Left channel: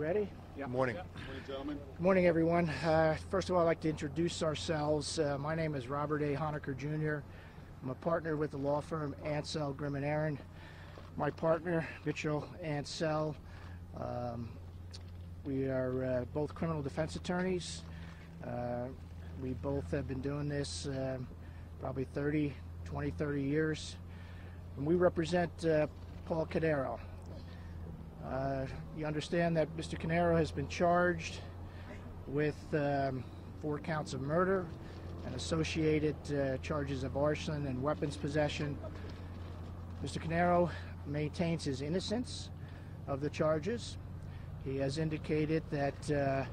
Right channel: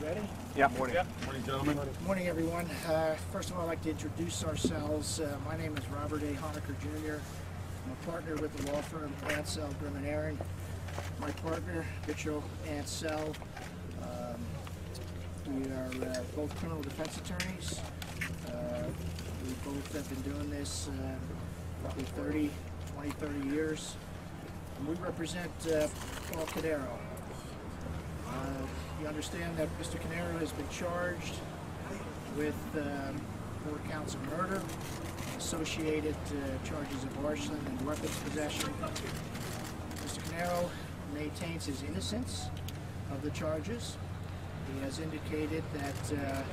ready? Yeah. Morning. Morning, gentlemen. Morning, everyone. First of all, I'd like to introduce ourselves. My name is Robert A. Honecker, Jr. I'm a partner with the law firm Ansell, Grimm & Aaron. My partner, Mitchell Ansell. We are both criminal defense attorneys. We both have been doing this probably 30 years. We represent Paul Caneiro. You understand that Mr. Caneiro has been charged with 4 counts of murder, associated charges of arson and weapons possession. Mr. Caneiro maintains his innocence of the charges. He has indicated that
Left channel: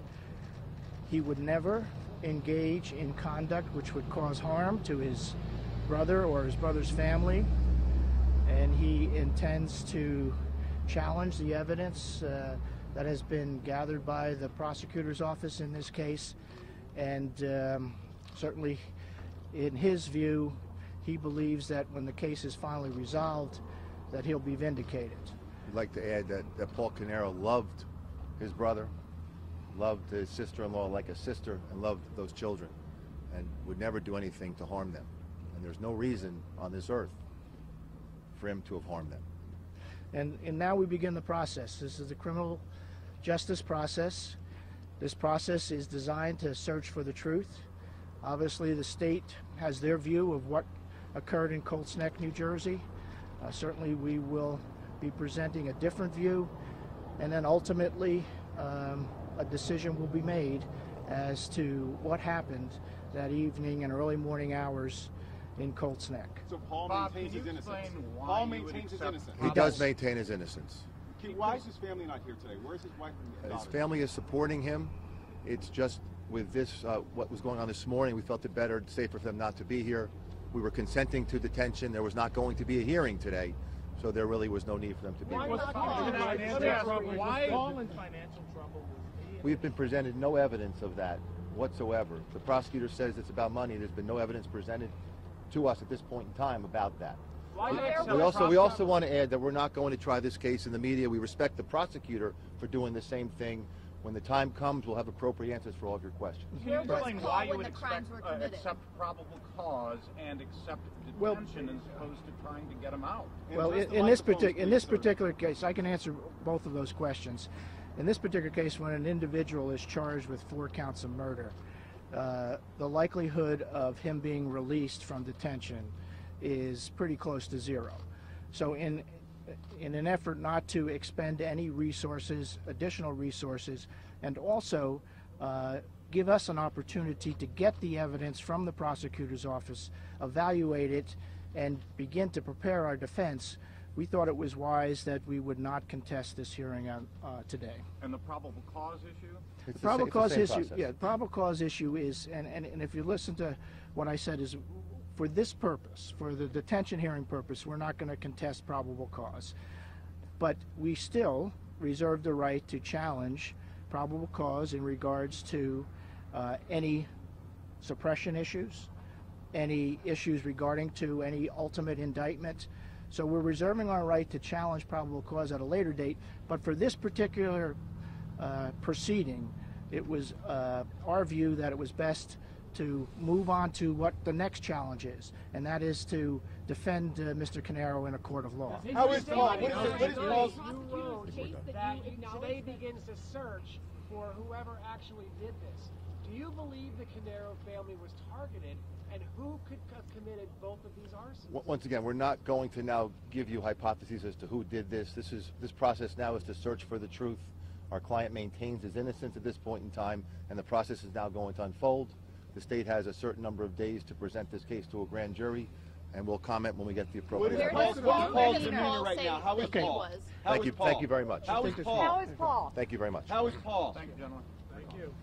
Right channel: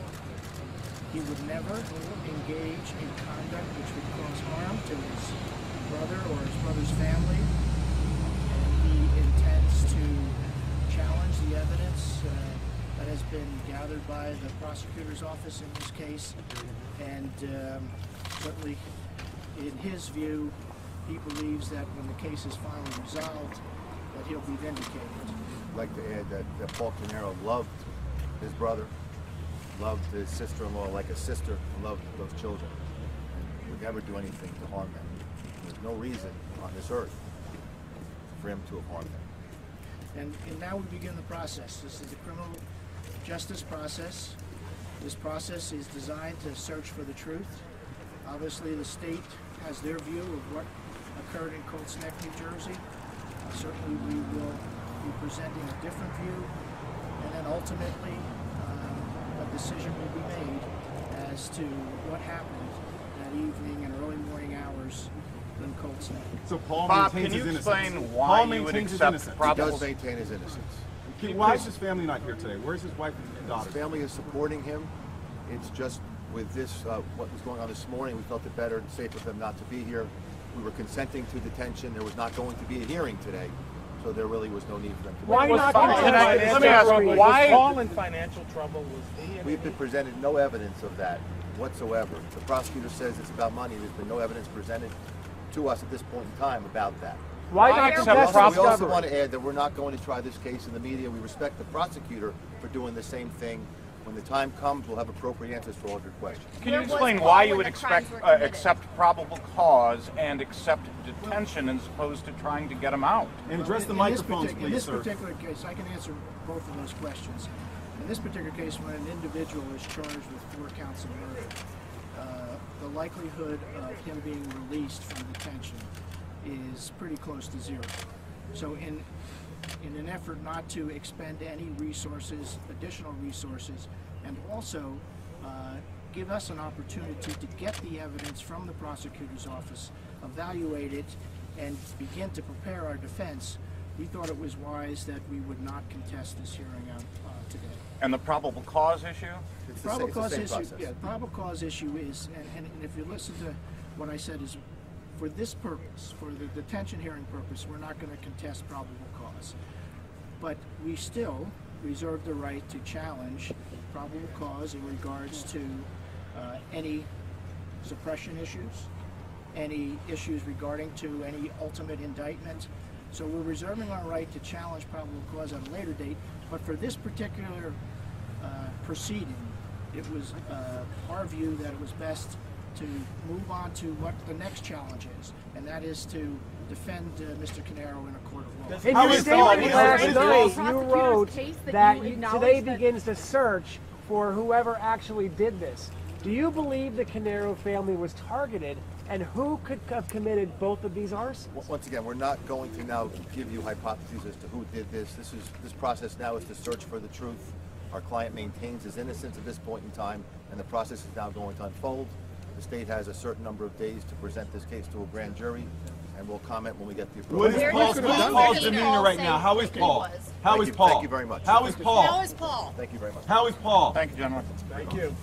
he would never engage in conduct which would cause harm to his brother or his brother's family, and he intends to challenge the evidence that has been gathered by the prosecutor's office in this case, and certainly in his view, he believes that when the case is finally resolved, that he'll be vindicated. I'd like to add that Paul Caneiro loved his brother, loved his sister-in-law like a sister, and loved those children, and would never do anything to harm them. And there's no reason on this earth for him to have harmed them. And now we begin the process. This is the criminal justice process. This process is designed to search for the truth. Obviously, the state has their view of what occurred in Colts Neck, New Jersey. Certainly, we will be presenting a different view, and then ultimately, a decision will be made as to what happened that evening and early morning hours in Colts Neck. So Paul Bob, maintains can you his explain innocence. why Paul you would maintains his accept innocence. He probable? does maintain his innocence. Why is his family not here today? Where's his wife and daughter? His family is supporting him. It's just with this, what was going on this morning, we felt it better and safer for them not to be here. We were consenting to detention. There was not going to be a hearing today, so there really was no need for them to be Why here. not? Let me ask you, why? Was Paul in financial trouble? Was he? We've been presented no evidence of that whatsoever. The prosecutor says it's about money. There's been no evidence presented to us at this point in time about that. Why I not accept contest We also discovery? want to add that we're not going to try this case in the media. We respect the prosecutor for doing the same thing. When the time comes, we'll have appropriate answers for all of your questions. Can you explain why you would accept probable cause and accept detention as opposed to trying to get him out? And Well, address the in microphones, this please, sir. particular case, I can answer both of those questions. In this particular case, when an individual is charged with 4 counts of murder, the likelihood of him being released from detention is pretty close to 0. So in an effort not to expend any resources, additional resources, and also give us an opportunity to get the evidence from the prosecutor's office, evaluate it, and begin to prepare our defense, we thought it was wise that we would not contest this hearing today. And the probable cause issue? It's The probable cause same issue, process. yeah, probable cause issue is, and if you listen to what I said, is for this purpose, for the detention hearing purpose, we're not going to contest probable cause. But we still reserve the right to challenge probable cause in regards to any suppression issues, any issues regarding to any ultimate indictment. So we're reserving our right to challenge probable cause at a later date, but for this particular proceeding, it was our view that it was best to move on to what the next challenge is, and that is to defend Mr. Caneiro in a court of law. In How your is statement Paul- last How night, you wrote that today begins the search for whoever actually did this. Do you believe the Caneiro family was targeted, and who could have committed both of these arsons? Once again, we're not going to now give you hypotheses as to who did this. This process now is to search for the truth. Our client maintains his innocence at this point in time, and the process is now going to unfold. The state has a certain number of days to present this case to a grand jury, and we'll comment when we get the What appropriate. is Paul's demeanor right now? How is Paul? How is Paul? Thank you very much. How is Paul? How is Paul? Thank you very much. How is Paul? Thank you, gentlemen. Thank you.